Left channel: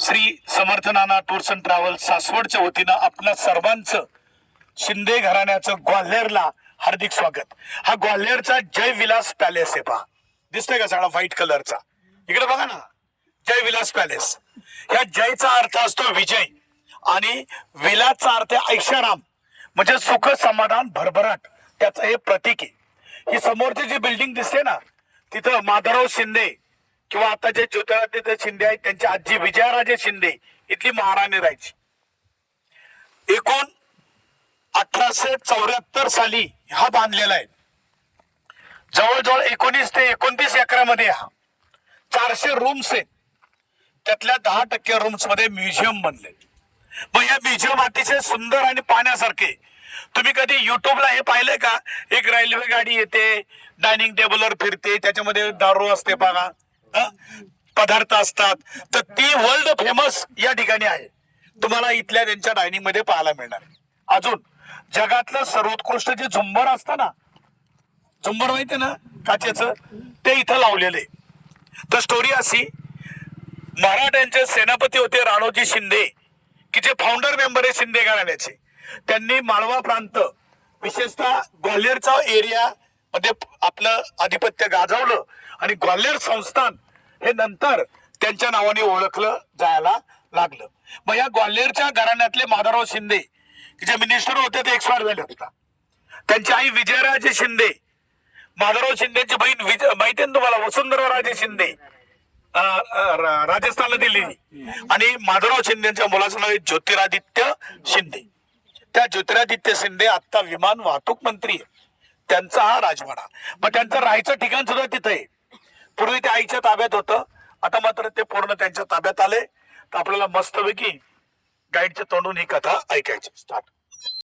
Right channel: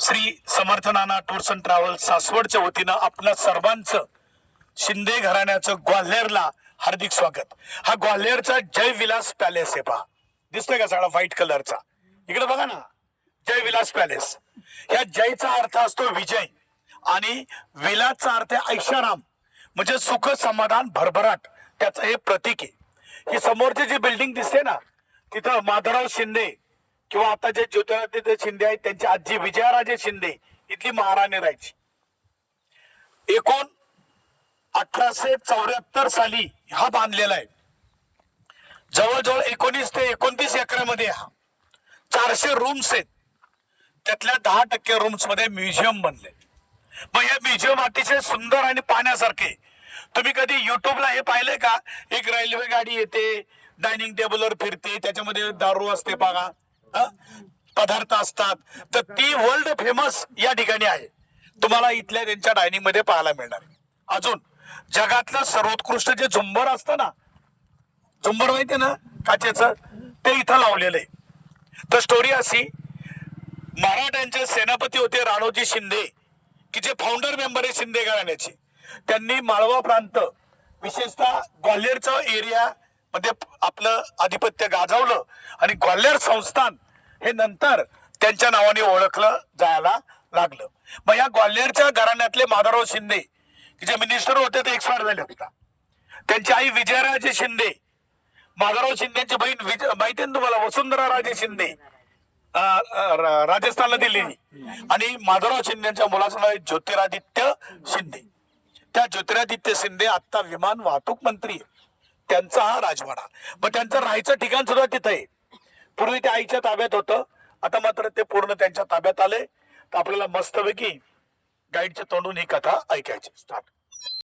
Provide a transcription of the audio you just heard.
Shri Samarth Nana tours and travels सासवडच्या वतीनं आपल्या सर्वांचं शिंदे घराण्याचं ग्वाल्हेरला हार्दिक स्वागत। हा ग्वाल्हेरचा जय विलास पॅलेस आहे, पहा दिसतोय का सगळा व्हाईट कलरचा, इकडे बघा ना, जय विलास पॅलेस। या जयचा अर्थ असतो विजय आणि विलासचा अर्थ आहे ऐशाराम, म्हणजे सुख समाधान भरभराट, त्याचं हे प्रतीक आहे। ही समोरची जी बिल्डिंग दिसते ना, तिथं माधवराव शिंदे किंवा आता जे ज्योतिरादित्य शिंदे आहेत त्यांची आजी विजयाराजे शिंदे इथली महाराणी राहायची। एकूण 1874 साली हा बांधलेला आहे। जवळजवळ 19 ते 29 एकरामध्ये हा 400 रूम्स आहेत, त्यातल्या 10% रूम्स मध्ये म्युझियम बनले। मग या म्युझियम अतिशय सुंदर आणि पाहण्यासारखे। तुम्ही कधी युट्यूबला हे पाहिलंय का, एक रेल्वे गाडी येते, डायनिंग टेबलवर फिरते, त्याच्यामध्ये दारू असते बघा, पदार्थ असतात, तर ती वर्ल्ड फेमस या ठिकाणी आहे, तुम्हाला इथल्या त्यांच्या डायनिंग मध्ये पाहायला मिळणार आहे। अजून जगातलं सर्वोत्कृष्ट जे झुंबर असतं ना, झुंबर माहिती ना काचेचं, ते इथं लावलेलं आहे। तर स्टोरी अशी, मराठ्यांचे सेनापती होते राणोजी शिंदे, की जे फाउंडर मेंबर आहे शिंदे घराण्याचे। त्यांनी माळवा प्रांत, विशेषतः ग्वाल्हेरचा एरिया मध्ये आपलं आधिपत्य गाजवलं आणि ग्वाल्हेर संस्थान हे नंतर त्यांच्या नावाने ओळखलं जायला लागलं। मग या ग्वाल्हेरच्या घराण्यातले माधवराव शिंदे जे मिनिस्टर होते ते एक्सपायर झाले होता। त्यांची आई विजयाराजे शिंदे, माधवराव शिंदेची बहीण माहिती ना तुम्हाला, वसुंधरा राजे शिंदे राजस्थानला दिलेली, आणि माधवराव शिंदेच्या मुलाचं नाव आहे ज्योतिरादित्य शिंदे। त्या ज्योतिरादित्य शिंदे आता विमान वाहतूक मंत्री आहे, त्यांचा हा राजवाडा। मग त्यांचं राहायचं ठिकाण सुद्धा तिथे आहे। पूर्वी ते आईच्या ताब्यात होतं, आता मात्र ते पूर्ण त्यांच्या ताब्यात आले। तर आपल्याला मस्तपैकी गाईडच्या तोंडून ही कथा ऐकायची। स्टार्ट।